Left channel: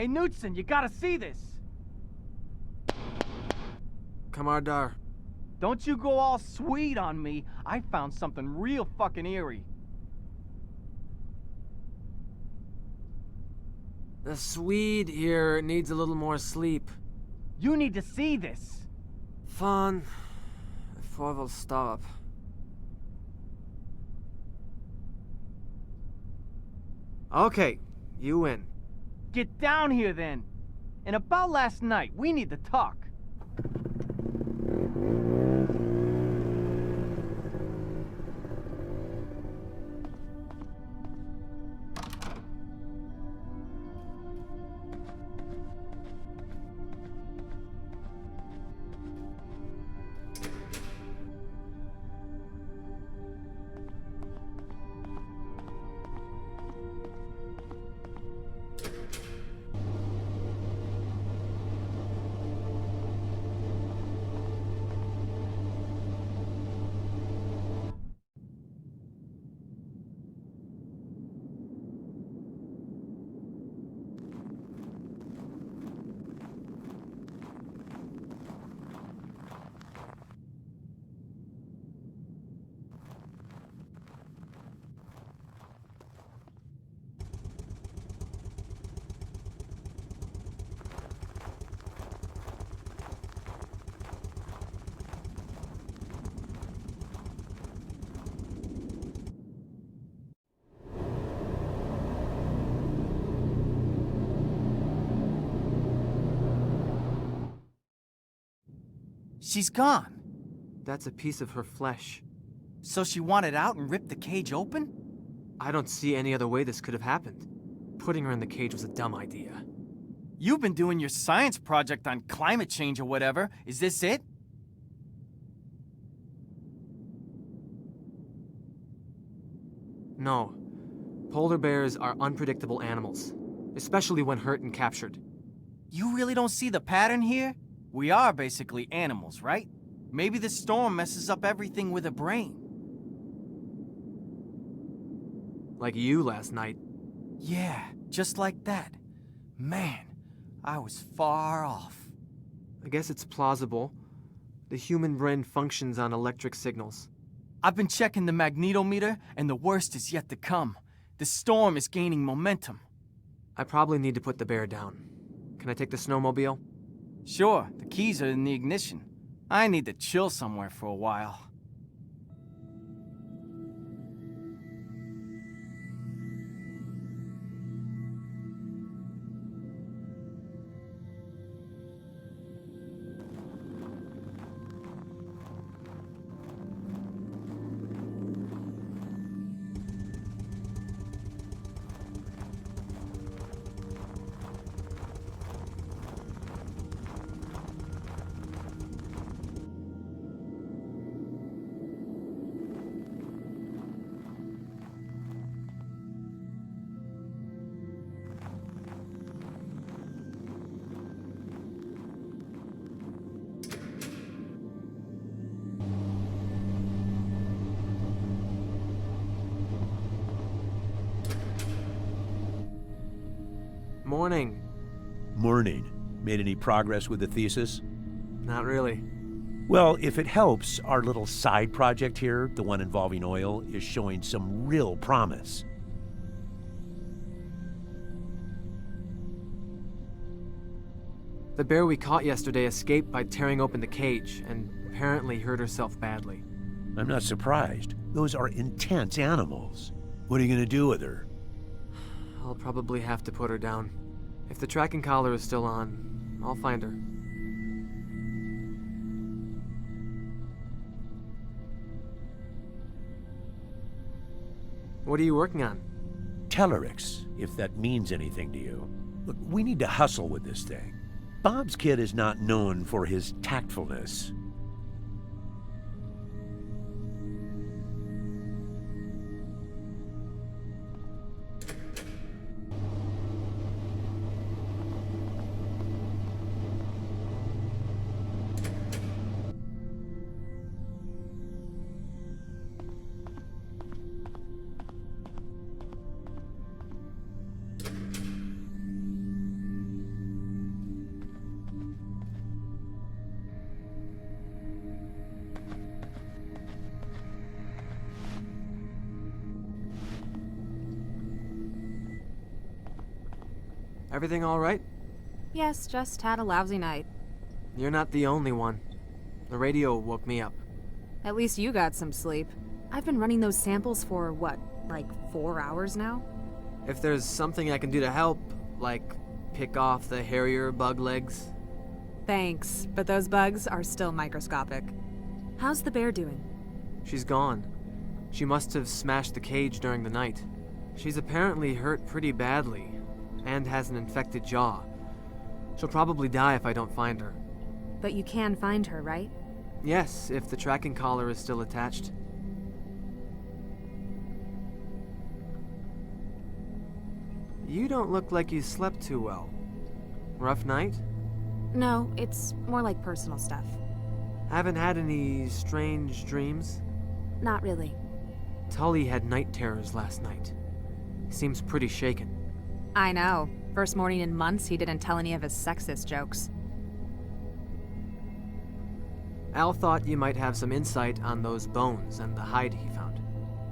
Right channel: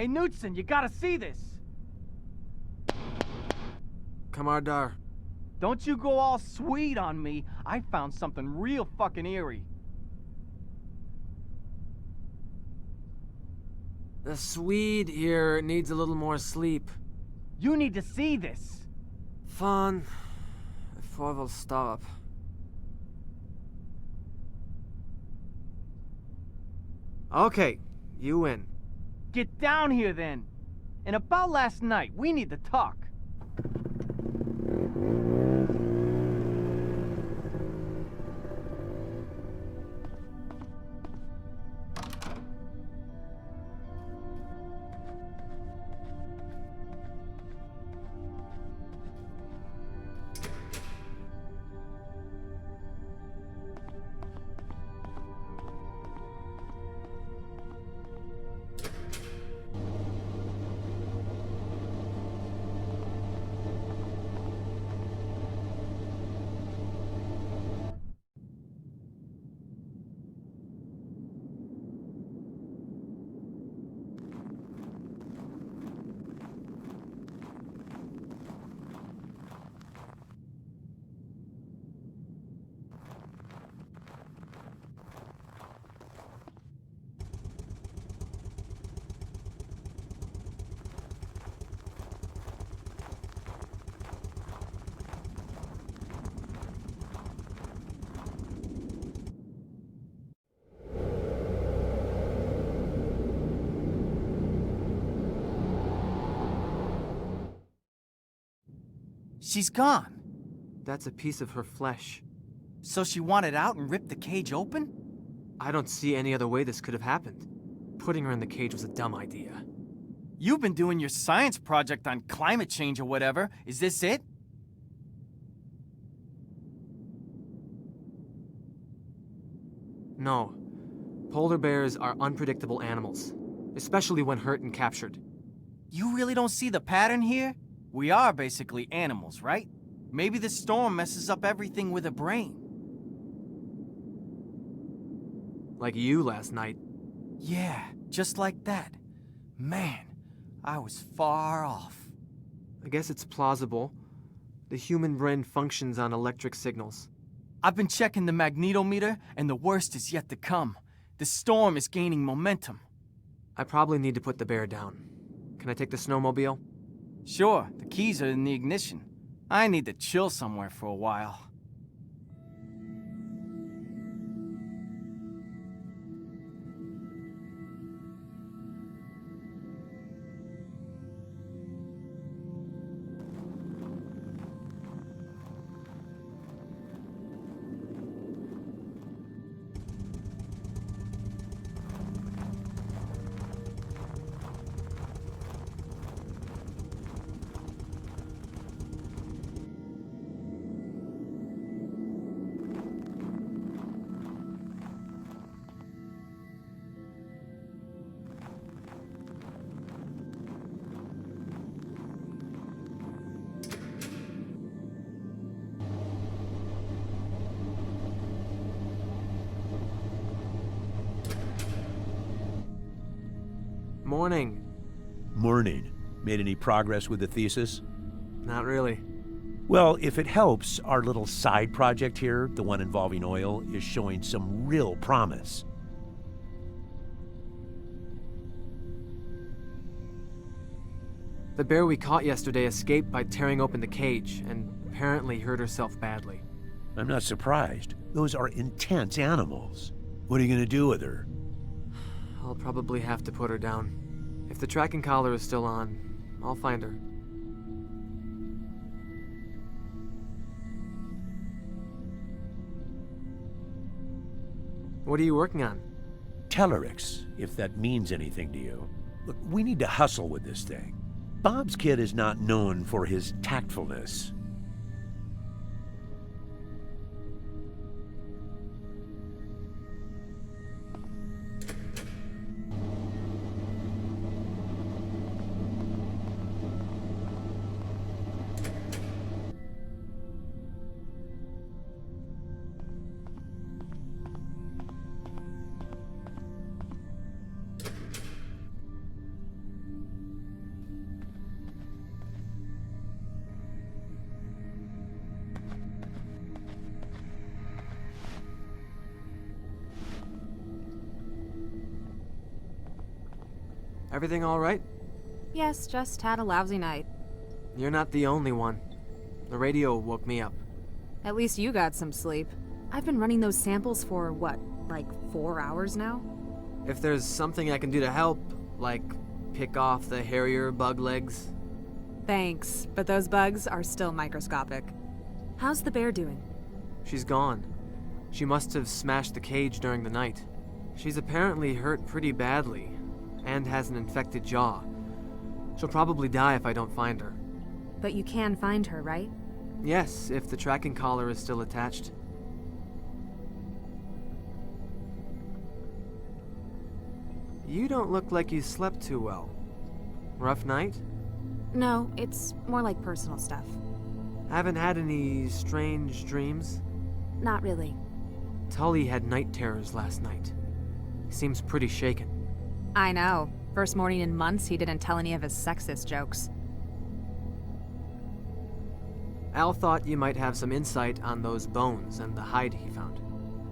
Hey, Knudsen, you gotta see this! Kamardar. Don't you go all sweet on me. I found something real fucking eerie. The Swede here needs a little more sleep. You need to see this. Fan. Jag får väl stop. Okay, you win. Get down here then. And about last night, we need to talk. She's gone. That's a piece of her flesh. So she wanted out and ripped the cage open? I don't see any other way this could have happened. Putting her in the cage was a dumb idea. You've been doing your science project on climate change or whatever. Is this it? No. Polar bears are unpredictable animals, especially when hurt and captured. You really don't see the pattern here? We are basically animals, right? Maybe this storm messes up everything with a brain. Like you last night. Yeah, just like that. Man, I was far off. I guess it's plausible. The human brain functions on electric signals. I've been checking the magnetometer, and the worst is yet to come. The storm is gaining momentum. I probably need to put the bear down. Can I take the snowmobile? Sure, the keys are in the ignition. I need to chill somewhere for a while. Morning. Morning. Made any progress with the thesis? Not really. Well, if it helps, our little side project here, the one involving oil, is showing some real promise. The bear we caught yesterday escaped by tearing open the cage, and apparently hurt herself badly. I'm not surprised. Those are intense animals. What are you going to do with her? I'll probably have to put her down. If the tracking collar is still on, I'll find her. What are you working on? Tellurics, if that means anything to you. Look, we need to hustle with this thing. Bob's kid is not known for his tactfulness. Everything all right? Yes, just had a lousy night. You're not the only one. The radio woke me up. At least you got some sleep. I've been running those samples for, what, like 4 hours now? If there's something I can do to help, like pick off the hairier bug legs. Thanks, but those bugs are still microscopic. How's the bear doing? She's gone. She must have smashed the cage during the night. She's apparently hurt pretty badly, and has an infected jaw. She'll probably die if I don't find her. But you can find her, right? Yes, if the tracking collar is still attached. You don't look like you slept too well. Rough night? No, it's more like personal stuff. Haven't had any strange dreams? Not really. Tully had night terrors last night. Seems pretty shaken. I know. First morning in months, he didn't tell any of his sexist jokes. Al thought you might have some insight on those bones and the hide he found.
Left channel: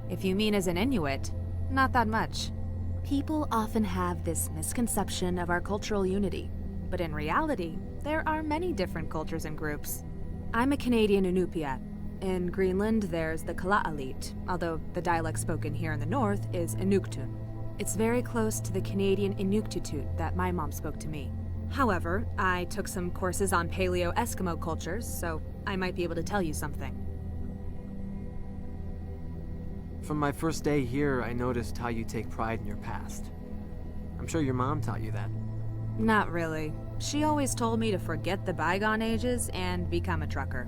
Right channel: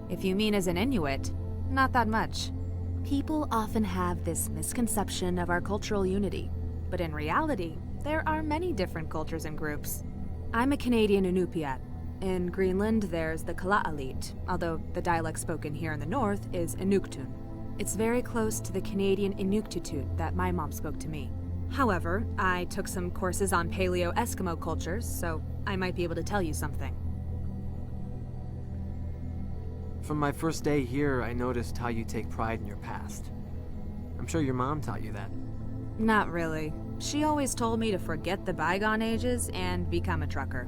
If you mean as an Inuit, not that much. People often have this misconception of our cultural unity, but in reality, there are many different cultures and groups. I'm a Canadian Inupiat. In Greenland, there's the Kalaalleq, although the dialect spoken here in the north is Inuktun. It's very close to the Canadian Inuktitut that my mom spoke to me. However, I took some courses on Paleo-Eskimo cultures, so I might be able to tell you something. From my first day here, I noticed how you take pride in your past. I'm sure your mom taught you that. Not really. She always told me to forget the bygone ages and become a trucker.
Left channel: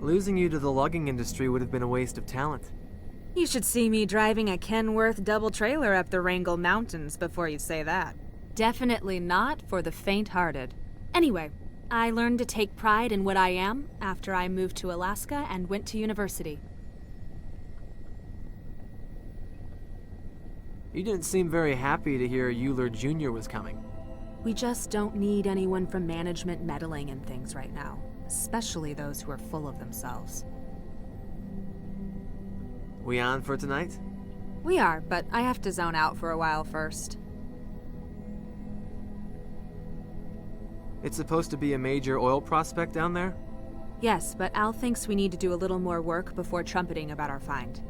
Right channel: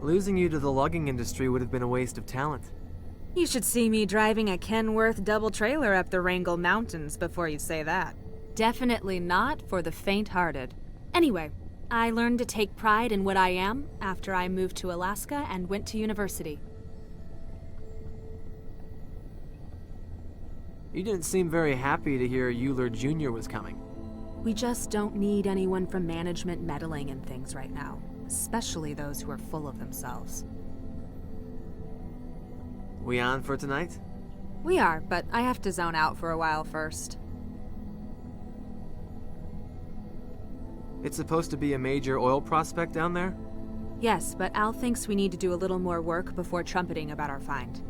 Losing you to the logging industry would have been a waste of talent. You should see me driving a Kenworth double trailer up the Wrangell Mountains before you say that. Definitely not for the faint-hearted. Anyway, I learned to take pride in what I am after I moved to Alaska and went to university. You didn't seem very happy to hear Euler Jr. was coming. We just don't need anyone from management meddling in things right now, especially those who are full of themselves. We on for tonight? We are, but I have to zone out for a while first. It's supposed to be a major oil prospect down there? Yes, but Al thinks we need to do a little more work before trumpeting about our find.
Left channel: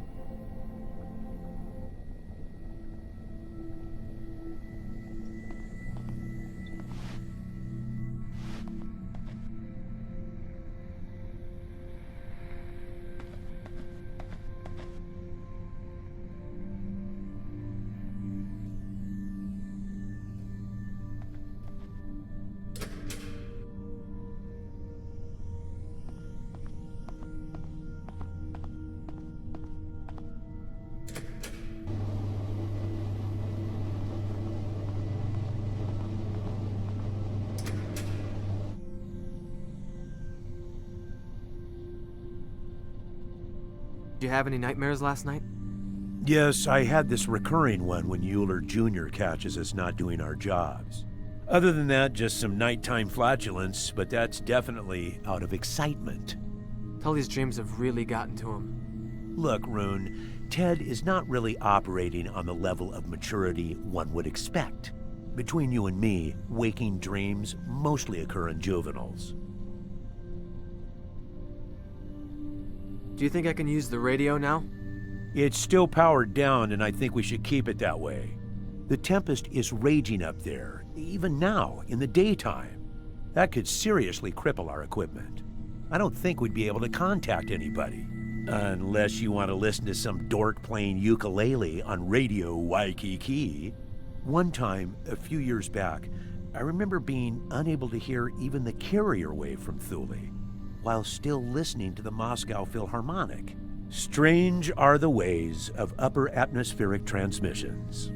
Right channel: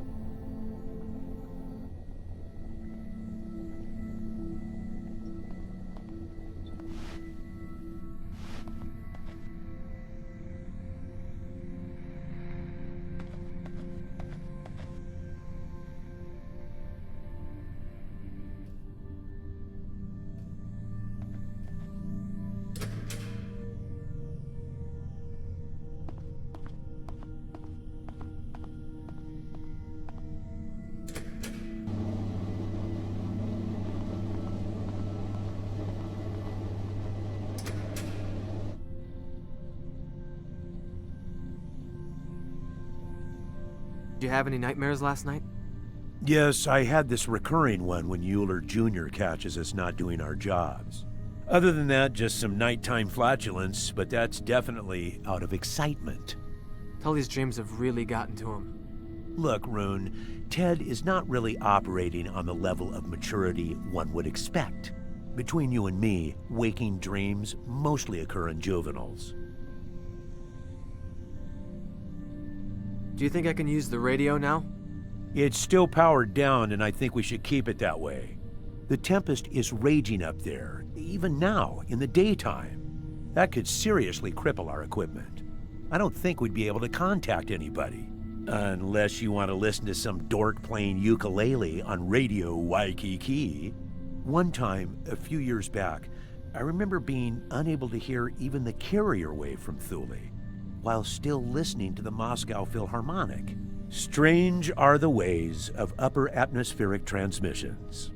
Did you have any nightmares last night? Yes, I had this recurring one when Euler Jr. catches us not doing our jobs. Other than that, just some nighttime flatulence, but that's definitely out of excitement. Tully's dreams have really gotten to him. Look, Rune, Ted is not really operating on the level of maturity one would expect. Between you and me, waking dreams mostly occur in juveniles. Do you think I can use the radio now? It's still powered down, and I think we should keep it that way. The tempest is raging up there, even now, in the daytime. That could seriously cripple our equipment. I don't think we'd be able to contact anybody. Unless you want to listen to some dork playing ukulele on Radio Waikiki. One time, a few years back, I remember being unable to hear even the carrier wave from Thule, while still listening to the Moscow Philharmonic. Strange are the ways of upper atmospheric transmissions.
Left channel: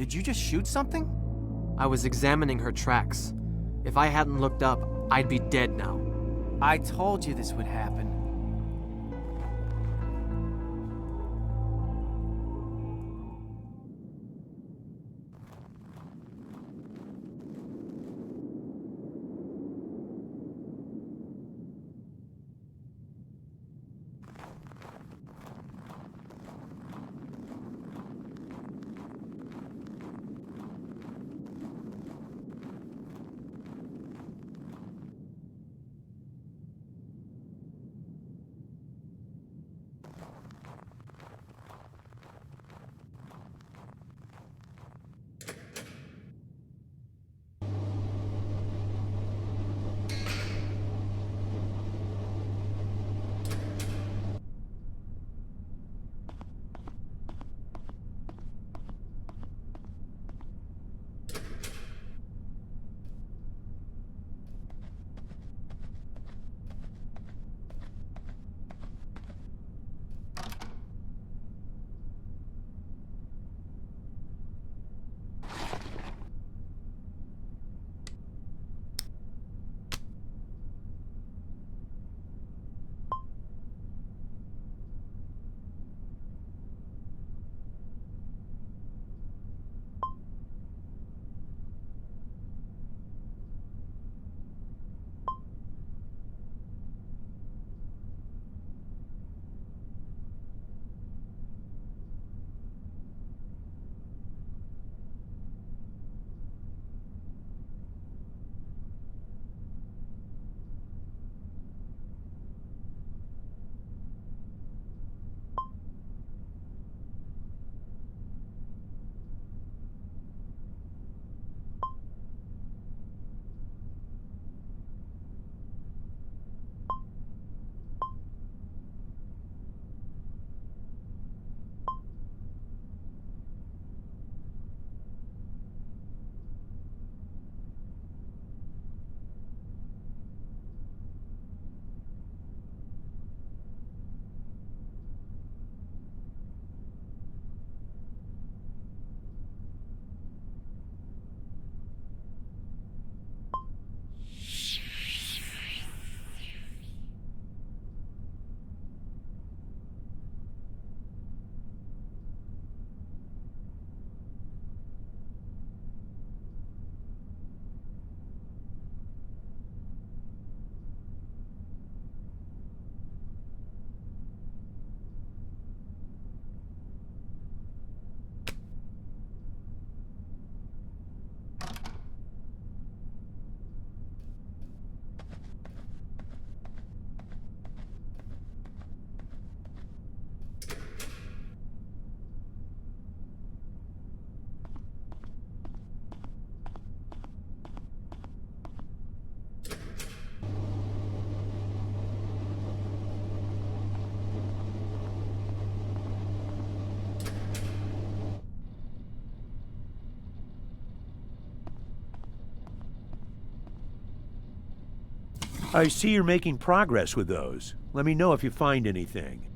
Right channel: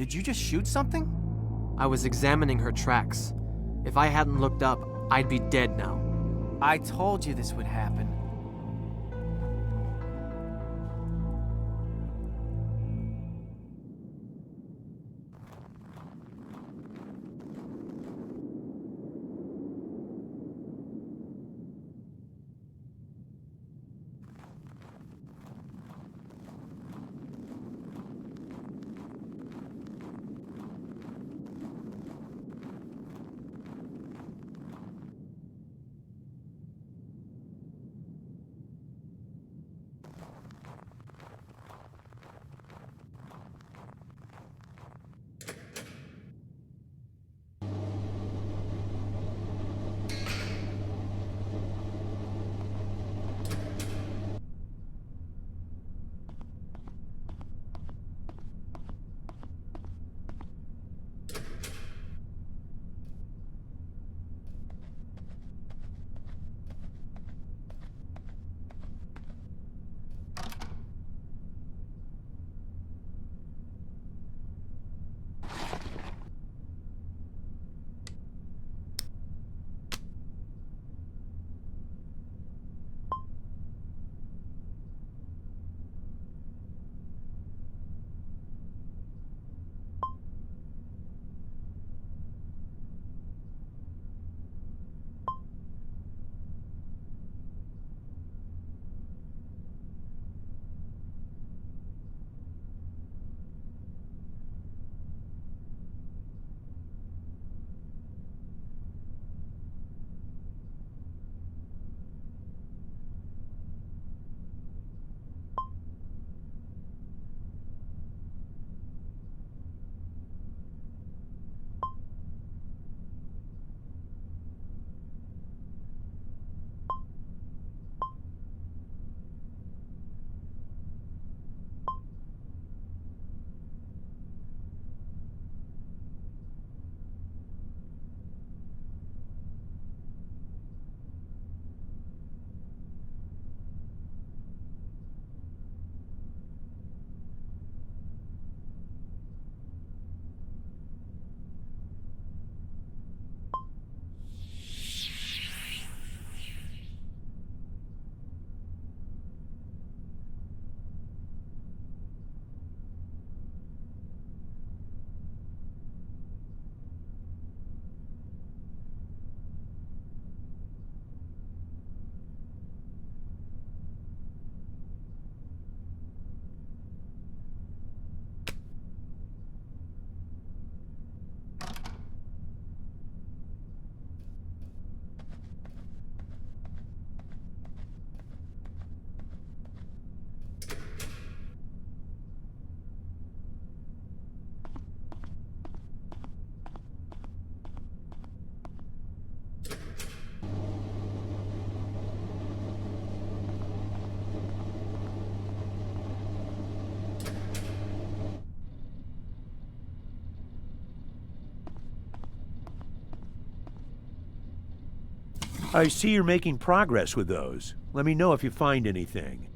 Did you just shoot something? I was examining her tracks. If I hadn't looked up, I'd be dead now. I told you this would happen. I see you're making progress with those. Let me know if you find anything.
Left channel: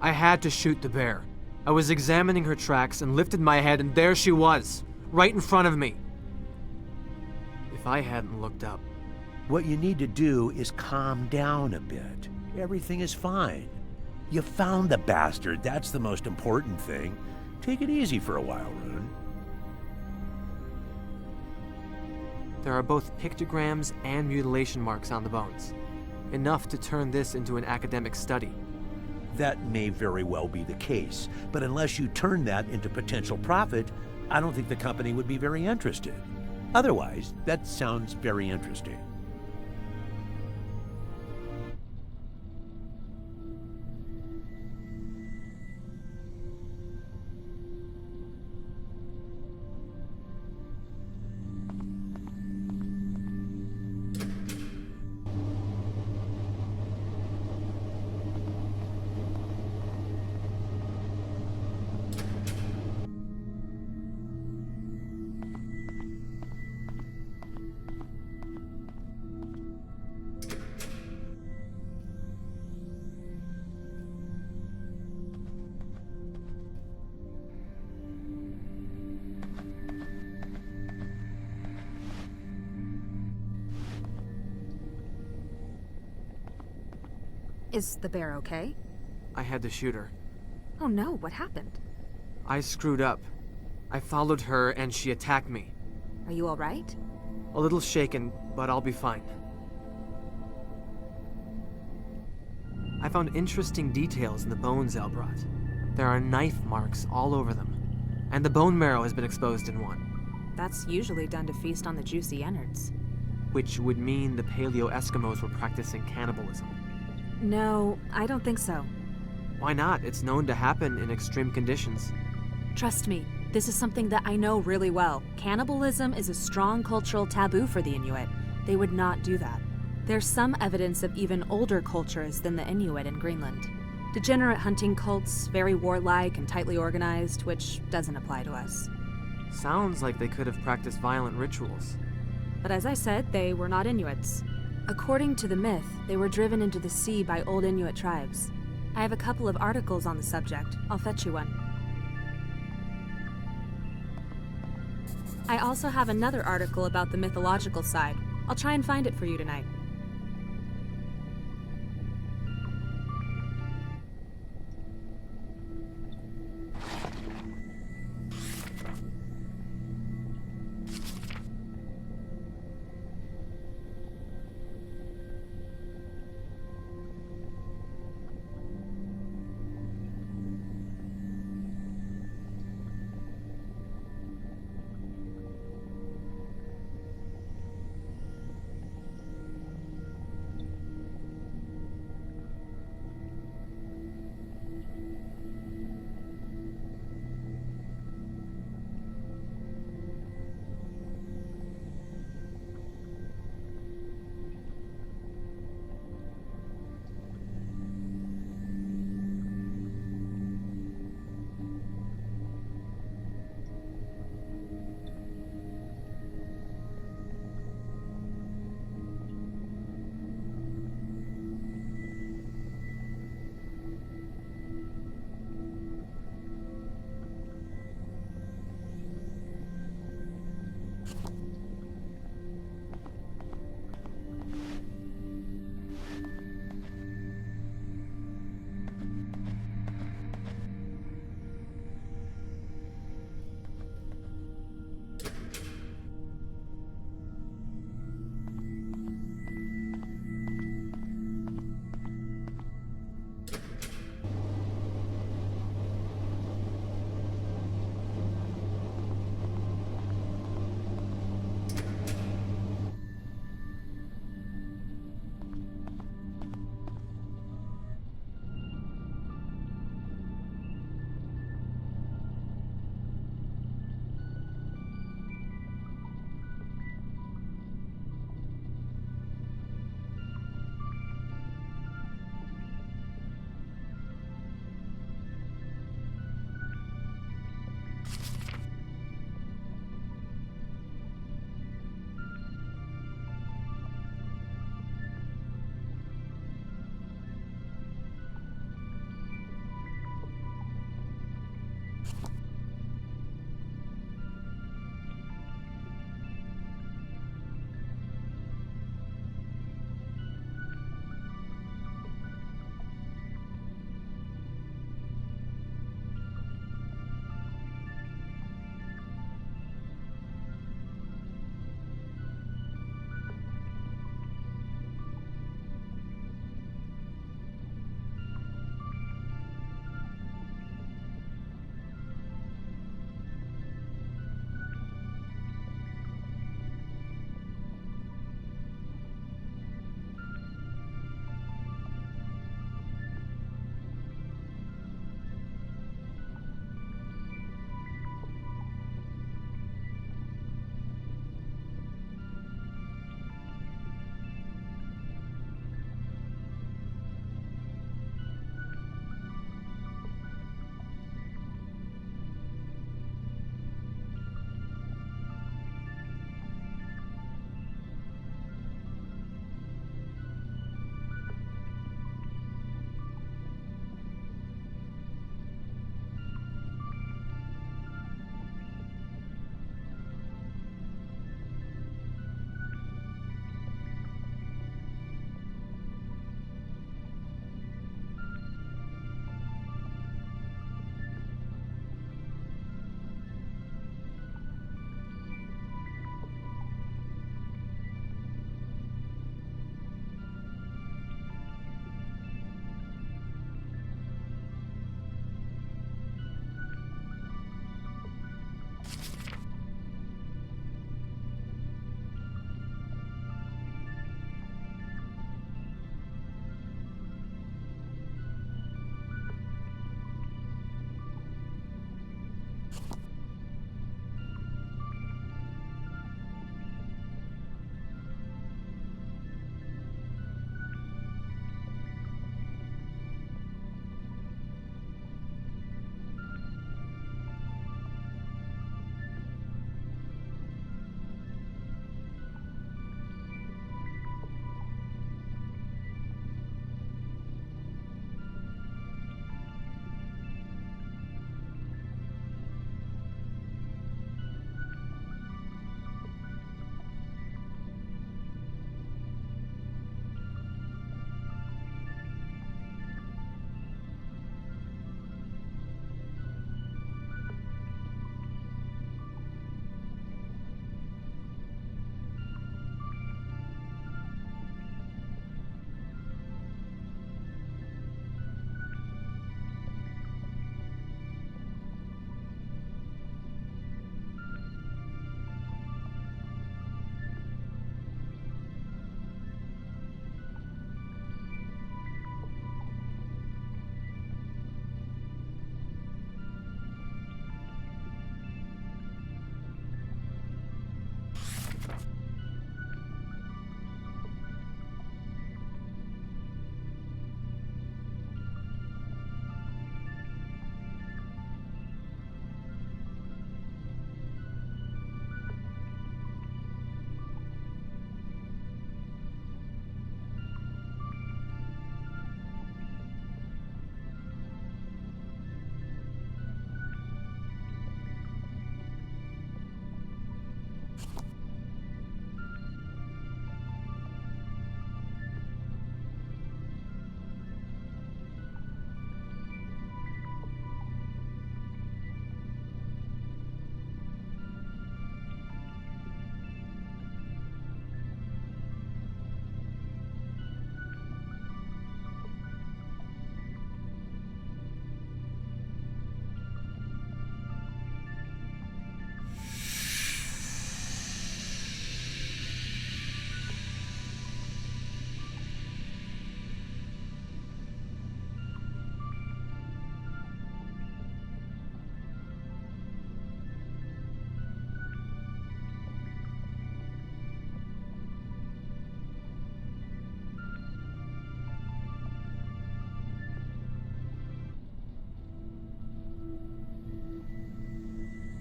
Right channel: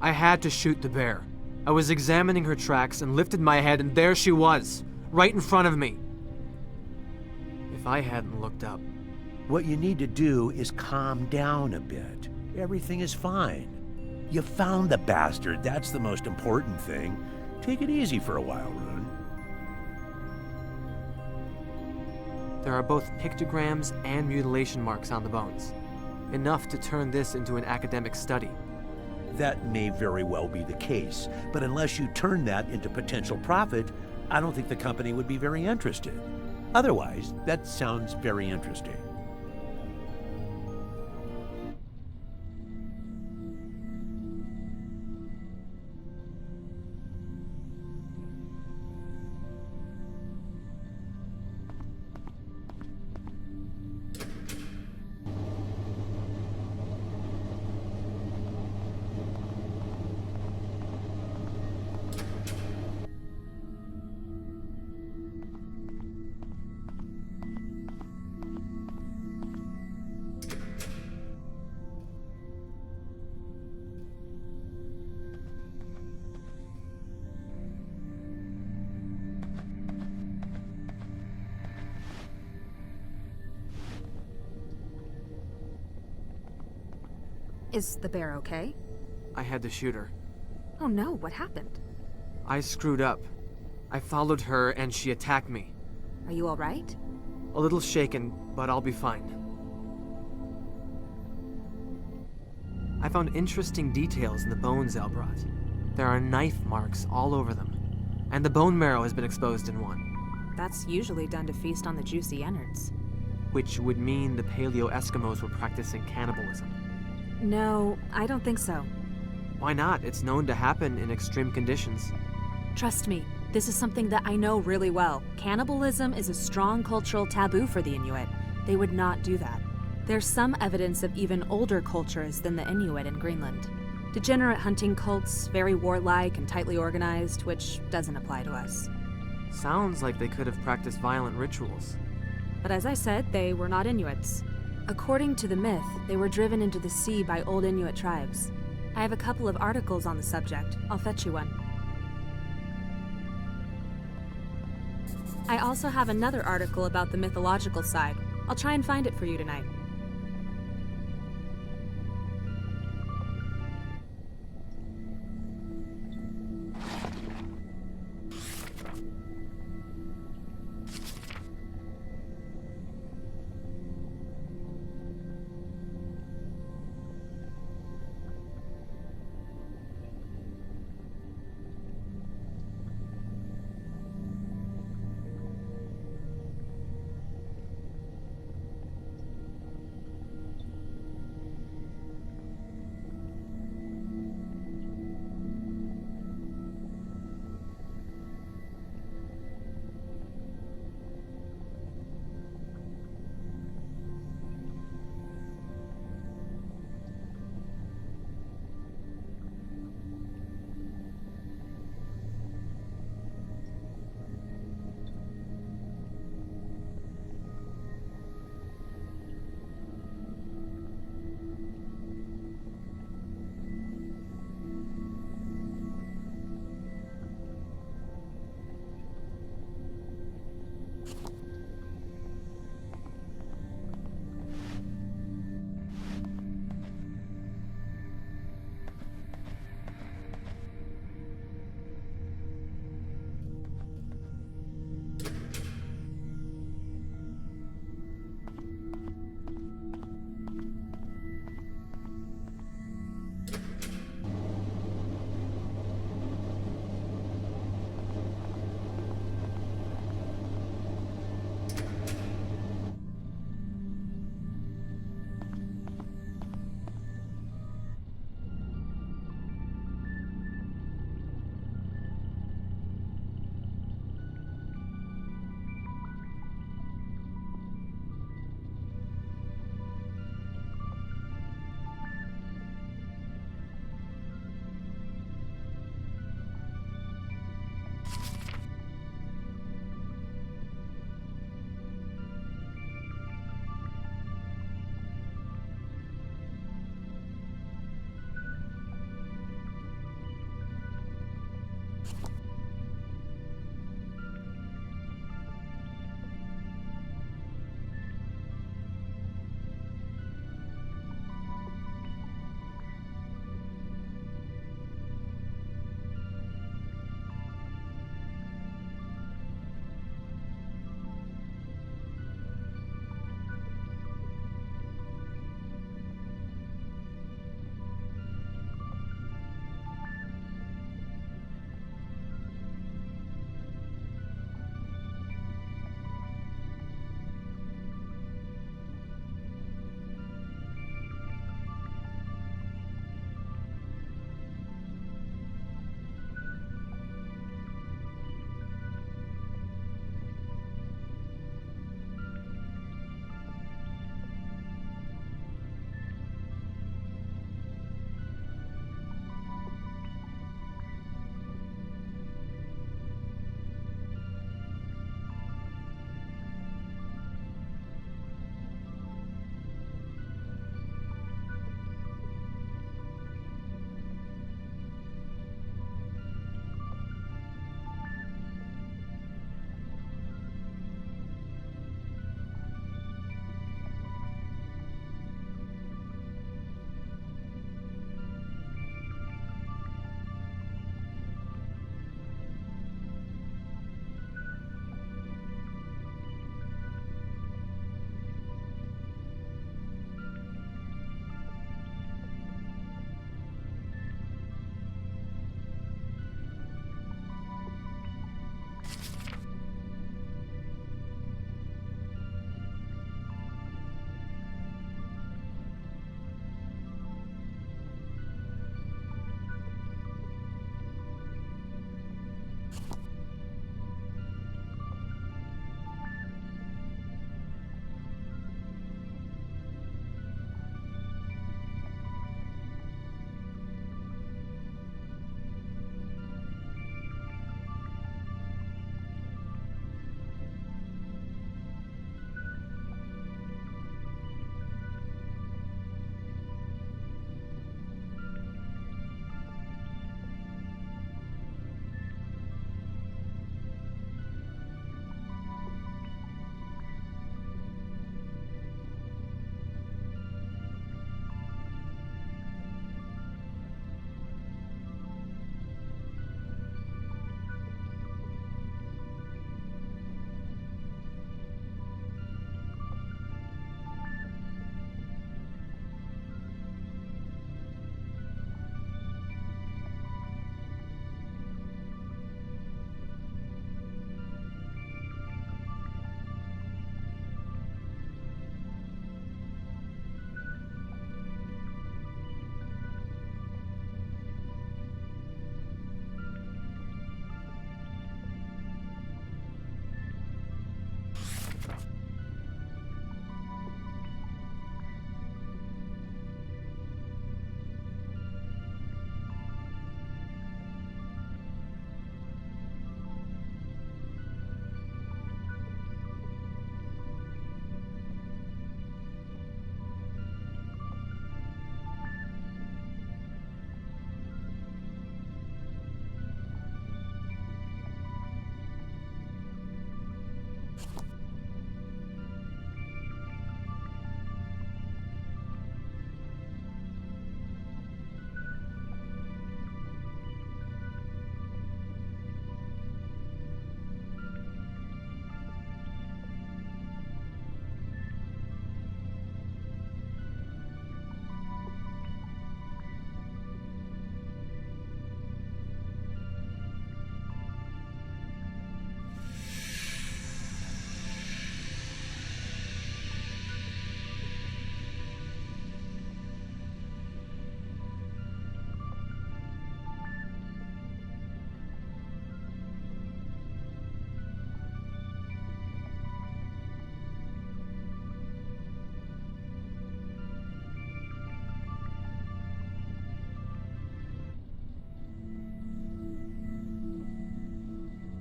I had to shoot the bear. I was examining her tracks and lifted my head, and there she was, right in front of me. If I hadn't looked up. What you need to do is calm down a bit. Everything is fine. You found the bastard. That's the most important thing. Take it easy for a while, Rune. There are both pictograms and mutilation marks on the bones. Enough to turn this into an academic study. That may very well be the case, but unless you turn that into potential profit, I don't think the company would be very interested. Otherwise, that sounds very interesting. Is the bear okay? I had to shoot her. Oh no, what happened? I screwed up. I followed her and she attacked me. Are you alright? A little shaken, but I'll be fine. I found interesting details in the bones Elle brought. There are knife marks all over them, and the bone marrow has been exposed in one. That's usually done to feast on the juicy innards. Which would mean the Paleo Eskimos were practicing cannibalism. No, I don't think so. Why not? It's known to happen in extreme conditions. Trust me, this is something that I know really well. Cannibalism is a strong cultural taboo for the Inuit. They would not do that. There's some evidence of even older cultures than the Inuit in Greenland. Degenerate hunting cults, very warlike and tightly organized, which doesn't apply to us. Sounds like they could have practiced violent rituals. But as I said, they were not Inuits. According to the myth, they were driven into the sea by old Inuit tribes. I have a couple of articles on the subject. I'll fetch you one. I also have another article about the mythological side. I'll try and find it for you tonight.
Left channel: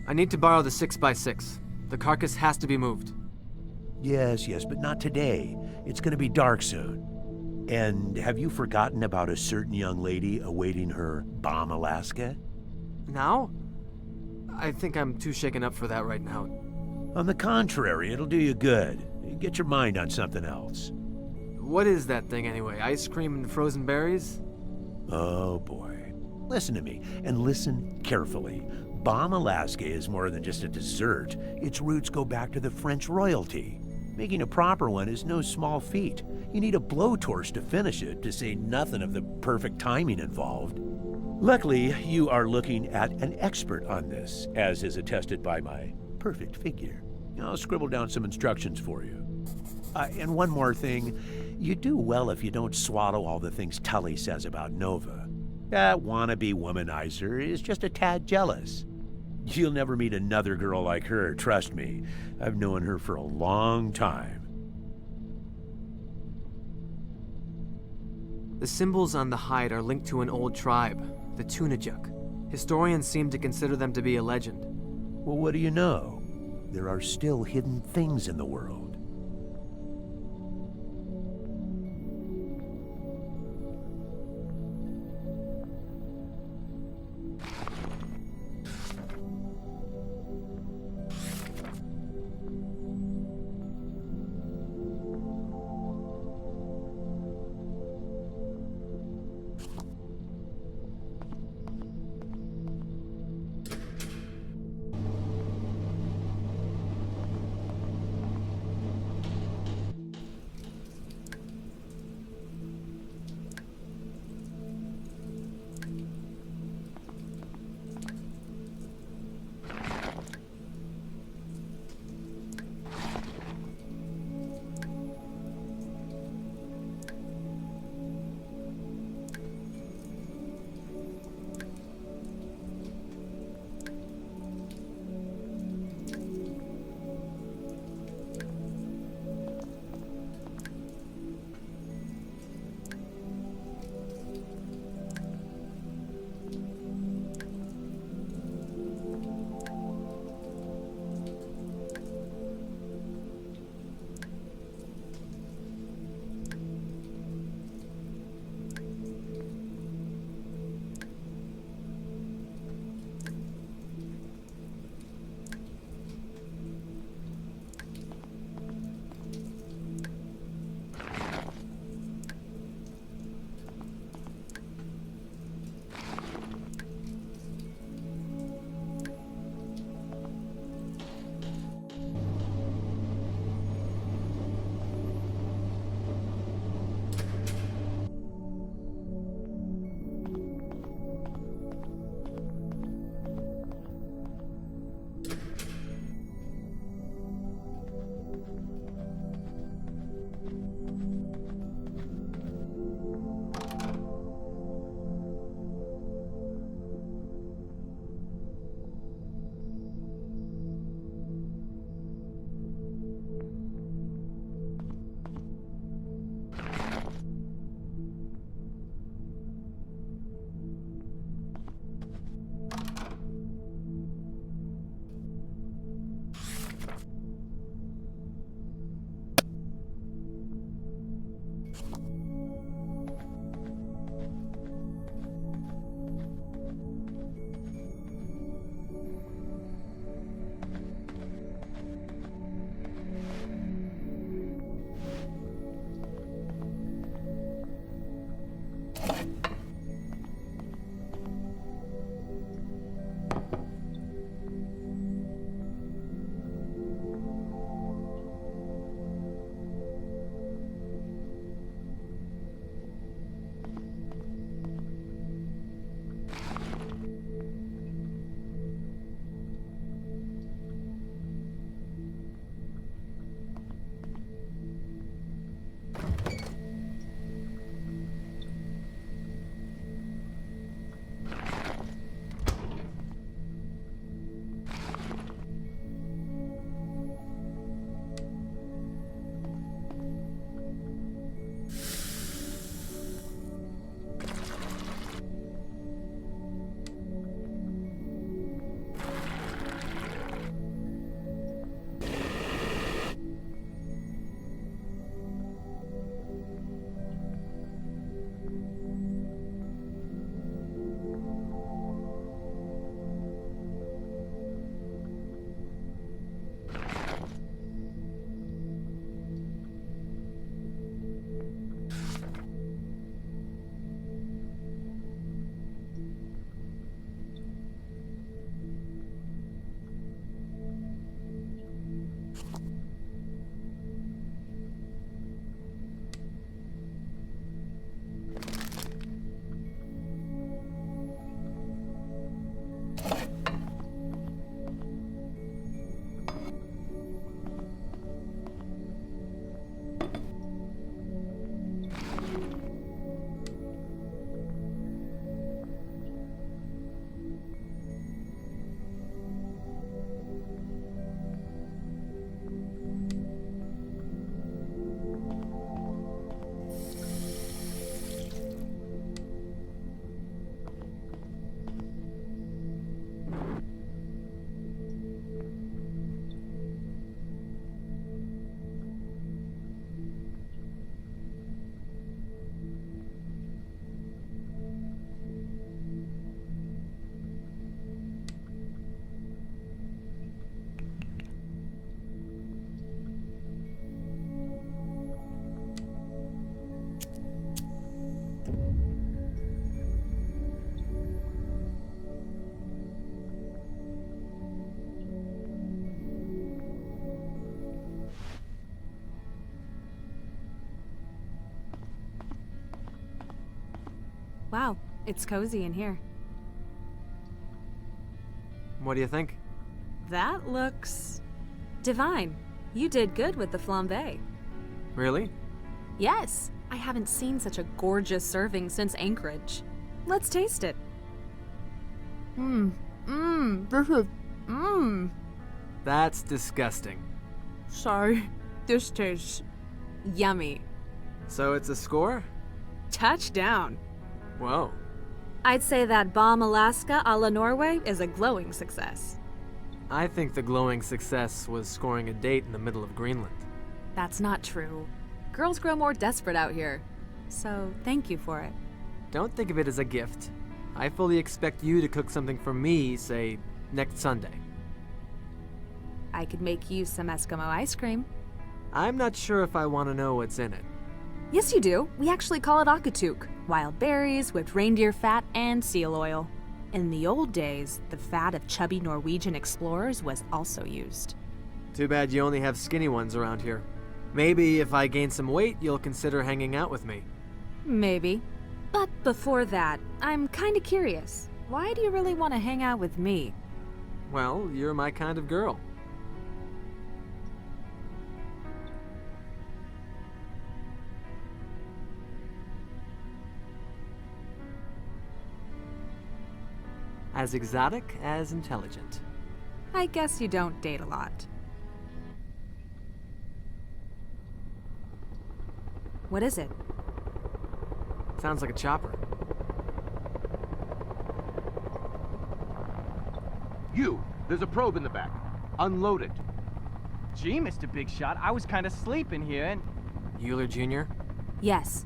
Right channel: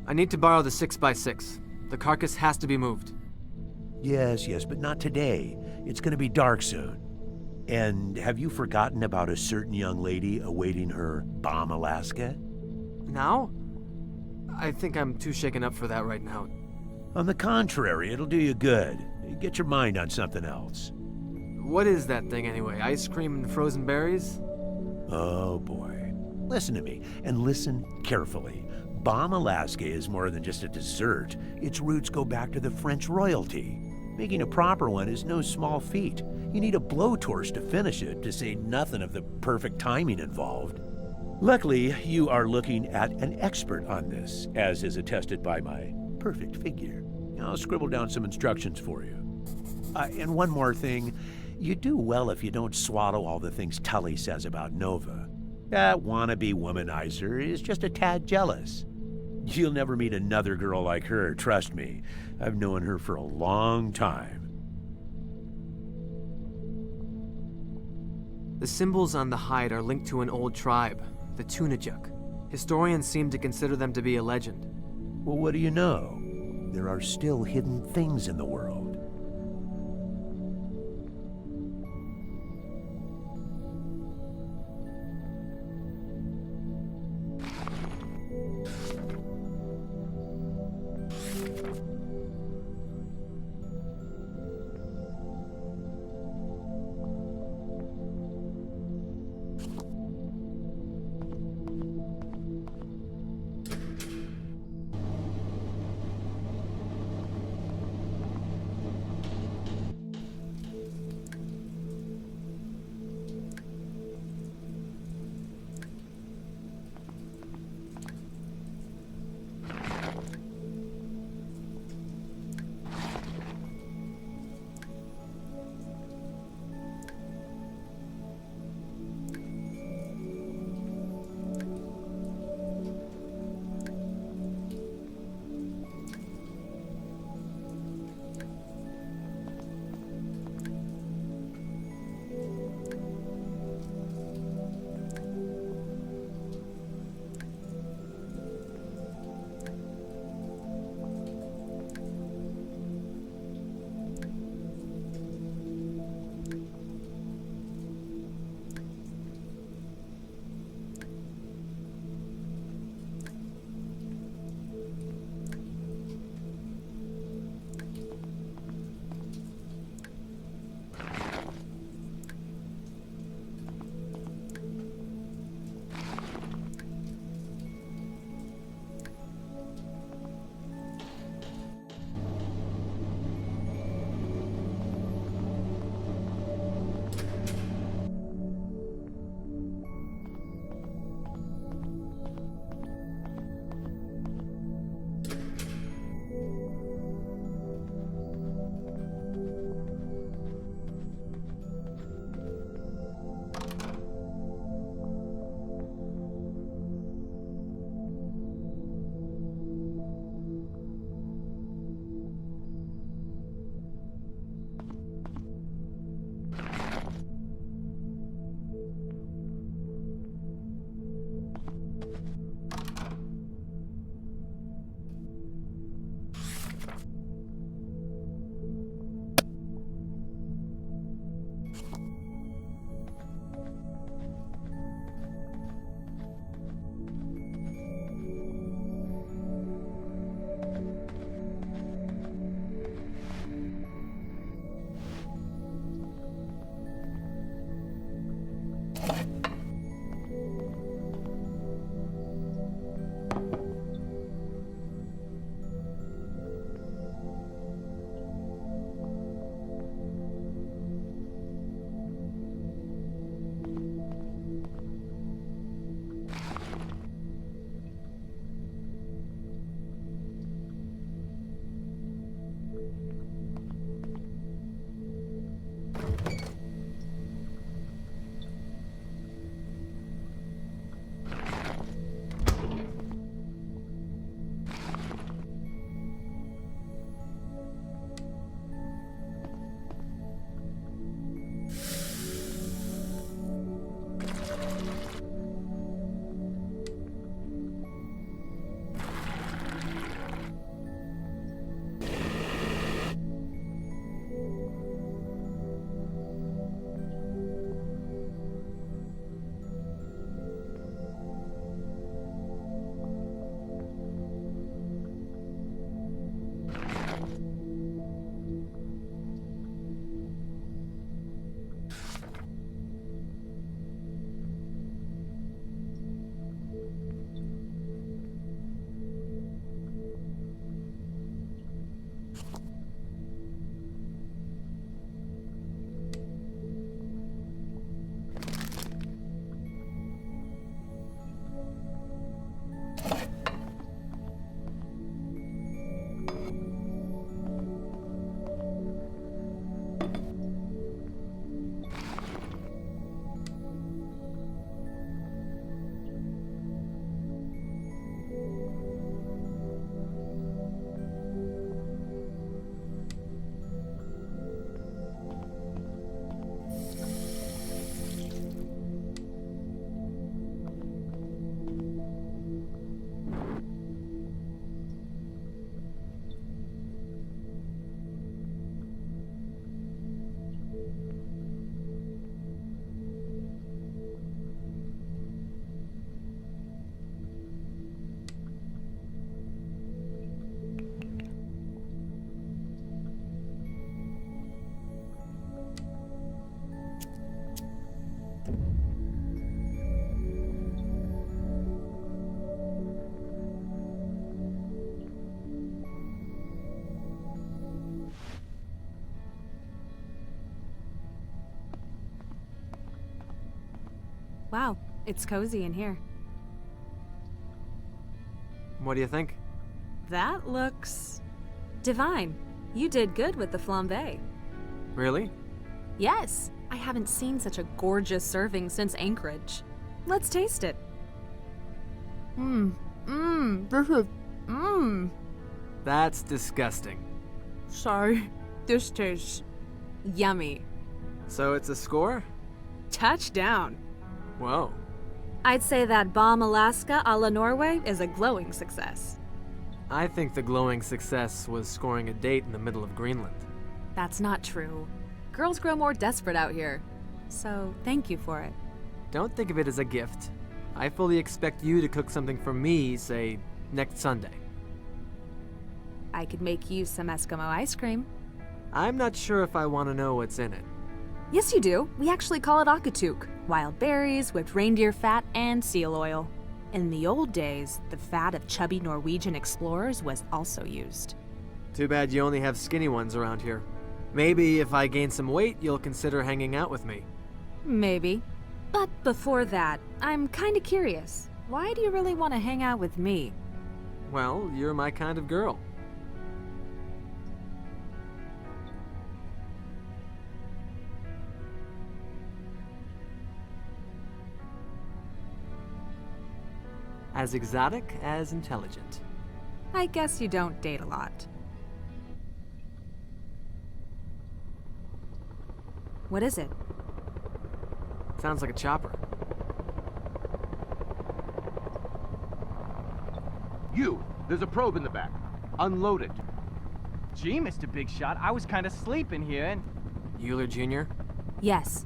I need to borrow the 6x6. The carcass has to be moved. Yes, but not today. It's gonna be dark soon. And have you forgotten about a certain young lady awaiting her bomb Alaska? Now? I think I'm too shaken up for that right now. On the contrary, it'll do you good. Get your mind on something else. What is that thing anyway? Ice cream and frozen berries? Oh boy. Listen to me, and listen carefully. Bomb Alaska is more than just a dessert. Its roots go back to the French royalty. Making a proper one is no small feat. You need a blowtorch to finish it, to say nothing of the perfect timing involved. Luckily, you are looking at an expert on this, as is attested by my perfect figure. I'll scribble down some instructions for you. And one more thing, you do well if you don't swallow all the things Tully says about Nova. That wannabe womanizer is just a tad jealous. You'll never meet another girl like her, trust me. I've known her for a long time. The symbols on the hide are linked to an old tribe, the Tunajuk. Historians seem to consider them to be a legend. Well, what do you know? There are still hidden things in the world. Wow, it's cozy in here. What do you think? That looks divine. You did good with the flambe. Really? Yes, I haven't seen such a gorgeous serving since Anchorage. Let's taste it. This is, That's disgusting. Sorry, this tastes yummy. So it's a score? Touchdown. Whoa. I'd say that Bomb Alaska a la Norway is a glowing success. I think the glowing success was scoring a date in the middle of Greenland. That's not true. Girls grow more desperate out here. So, thank you for it. Don't think of it as a gift. I fully expect you to cook something for me, say, next Sunday. I could make you some Eskimo ice cream. I'm not sure if I want to know what's in it. Yes, you do. We actually call it akatuk. Wild berries, whipped reindeer fat, and seal oil. In the old days, the fat of chubby Norwegian explorers was also used. Too bad you only have skinny ones around here. Maybe if I gain some weight, you'll consider hanging out with me. Maybe. But before that, I'm kinda curious. Why do you really want to hang out with me? Well, you're my kind of girl. As exotic as intelligent. I guess you don't date a lot. What is it? Sounds like a chopper. There's a probe in the back. Unload it. Gee, Mr. Big Shot, I was kind of sleeping here and... Euler Jr.? Yes.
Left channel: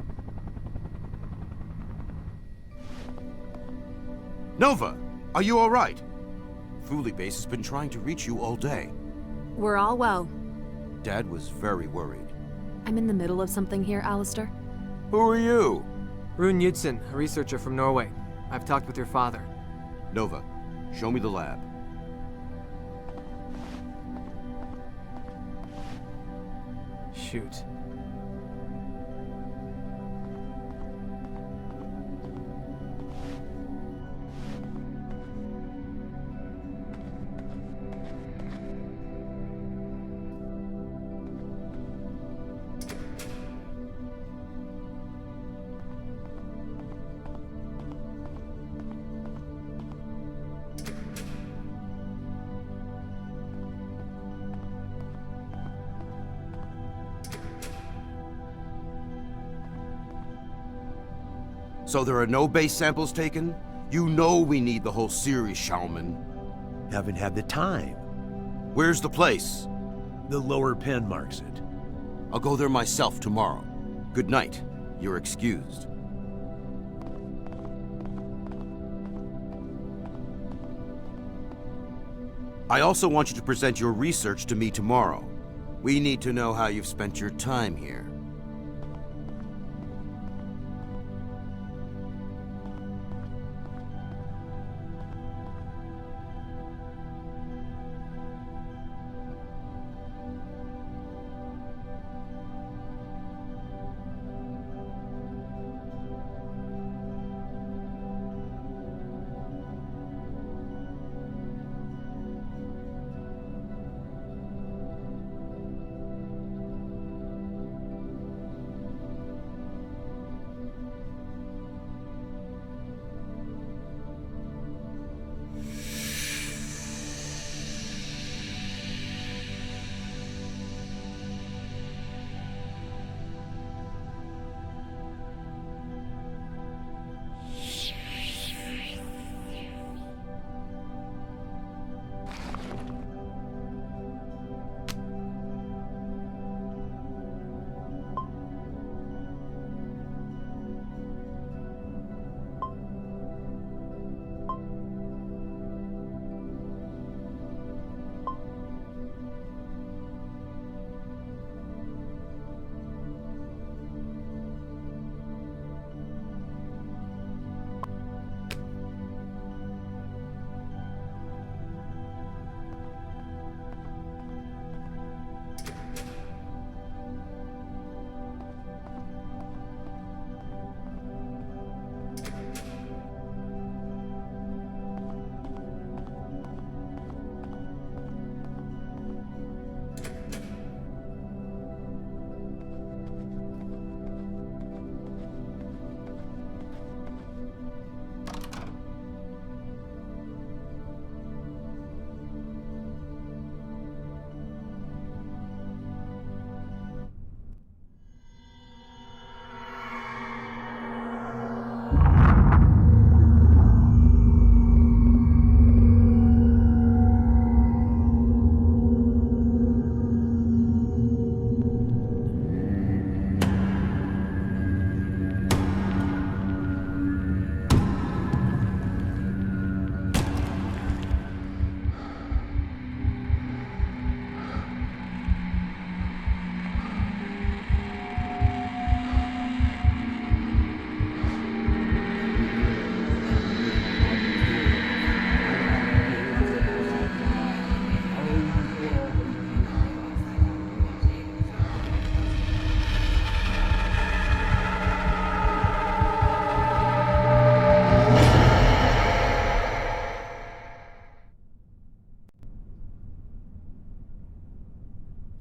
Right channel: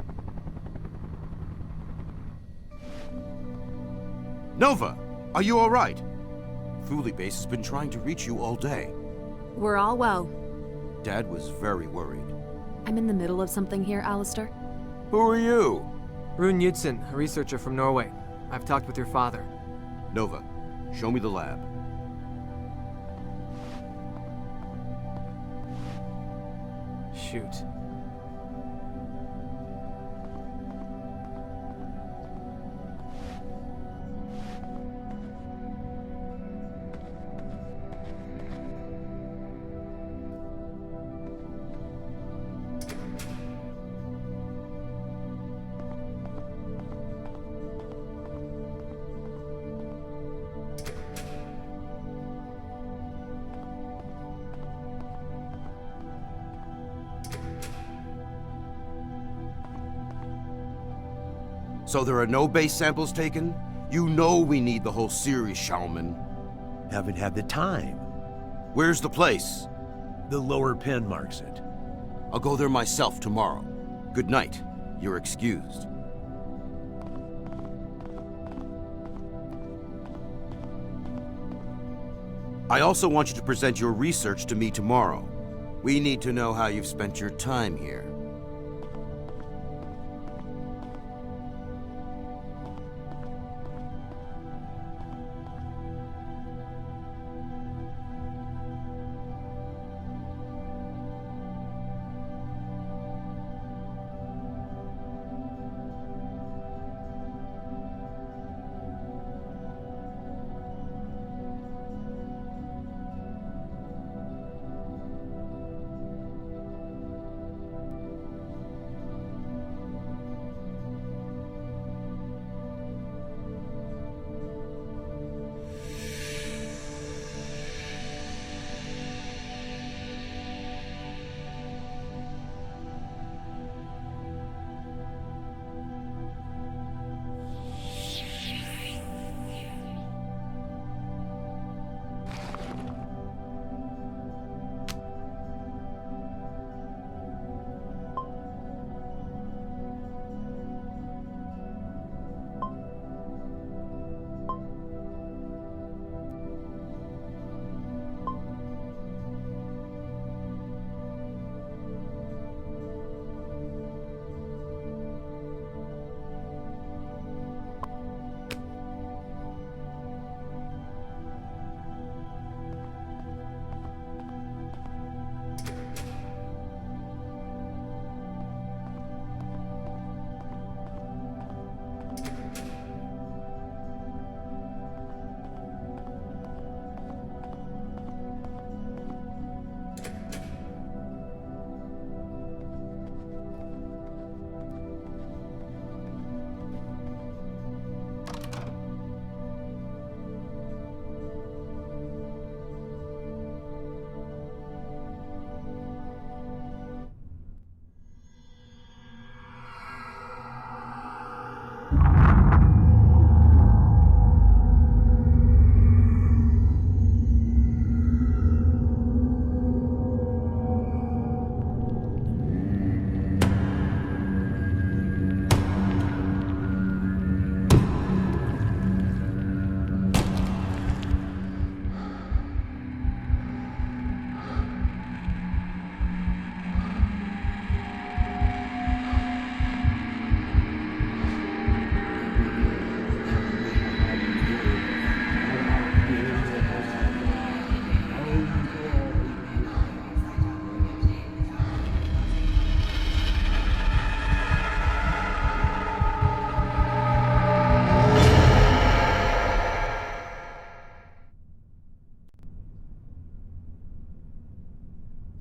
Nova, are you all right? Thule Base has been trying to reach you all day. We're all well. Dad was very worried. I'm in the middle of something here, Alistair. Who are you? Rune Knudsen, a researcher from Norway. I've talked with your father. Nova, show me the lab. Shoot. So there are no base samples taken? You know we need the whole series, Shaman. Haven't had the time. Where's the place? The lower pen marks it. I'll go there myself tomorrow. Good night. You're excused. I also want you to present your research to me tomorrow. We need to know how you've spent your time here.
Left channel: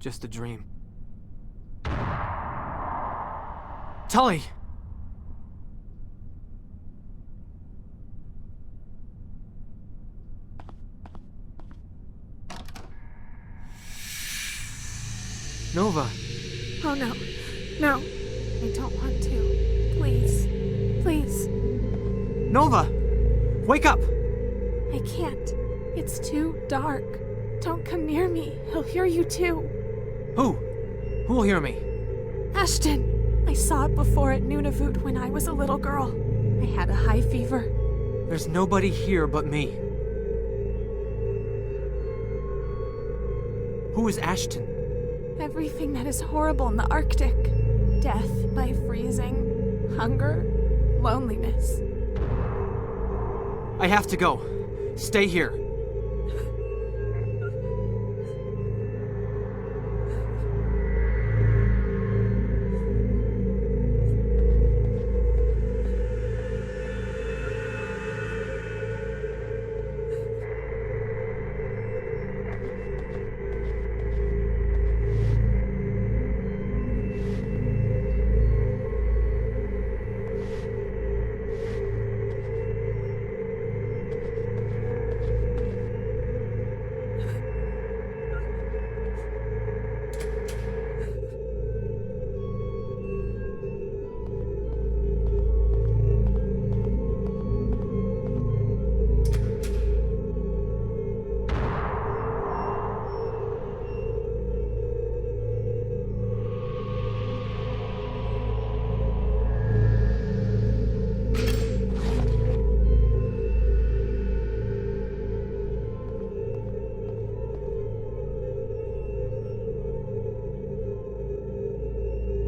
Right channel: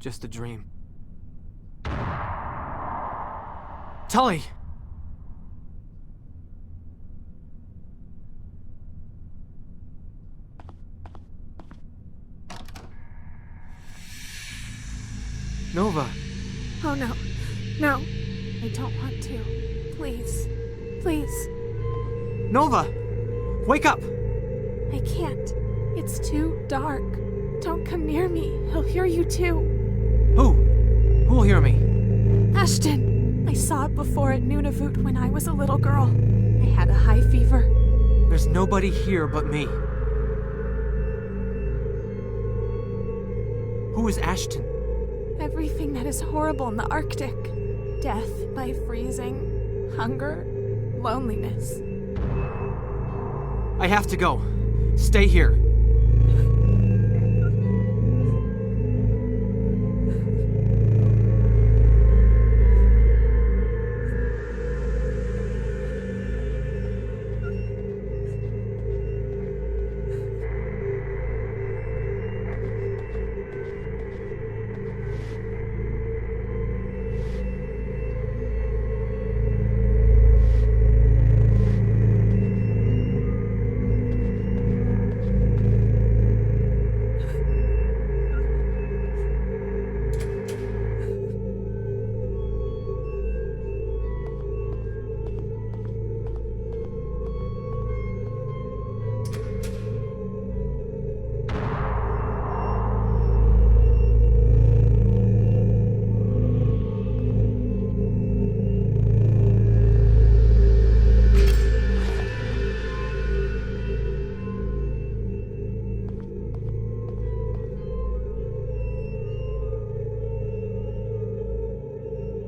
just a dream. Tully! Nova! Oh no. No. I don't want to. Please. Please. Nova! Wake up! I can't. It's too dark. Don't come near me. He'll hear you too. Who? Who will hear me? Ashton! I saw it before at Nunavut when I was a little girl. I had a high fever. There's nobody here but me. Who is Ashton? Everything that is horrible in the Arctic. Death by freezing, hunger, loneliness. I have to go. Stay here.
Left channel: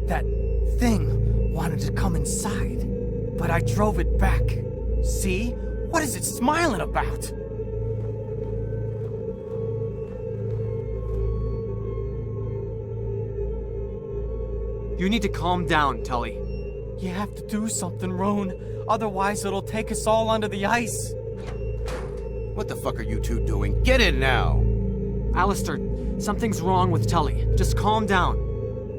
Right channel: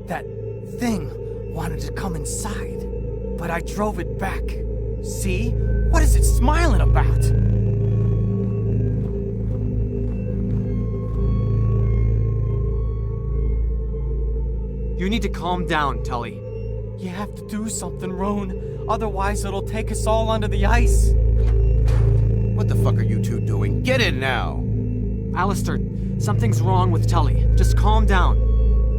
That thing wanted to come inside, but I drove it back. See? What is it smiling about? You need to calm down, Tully. You have to do something, Roan. Otherwise, it'll take us all under the ice. What the fuck are you two doing? Get in now! Alistair, something's wrong with Tully. Just calm down.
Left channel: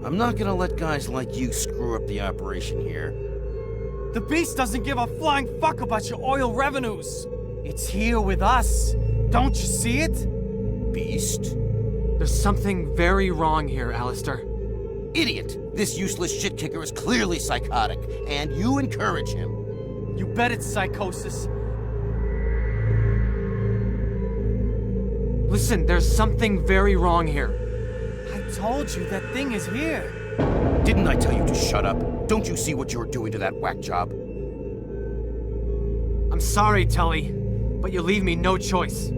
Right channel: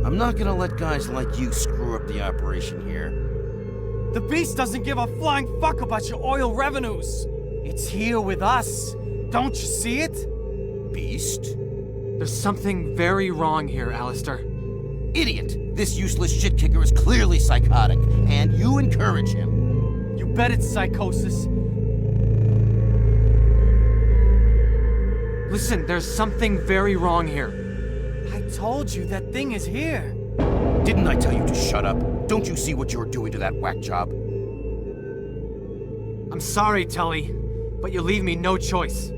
I'm not gonna let guys like you screw up the operation here. The beast doesn't give a flying fuck about your oil revenues. It's here with us. Don't you see it? Beast? There's something very wrong here, Alistair. Idiot! This useless shit kicker is clearly psychotic, and you encourage him. You bet it's psychosis. Listen, there's something very wrong here. I told you that thing is here. Didn't I tell you to shut up? Don't you see what you're doing to that whack job? I'm sorry, Tully, but you leave me no choice.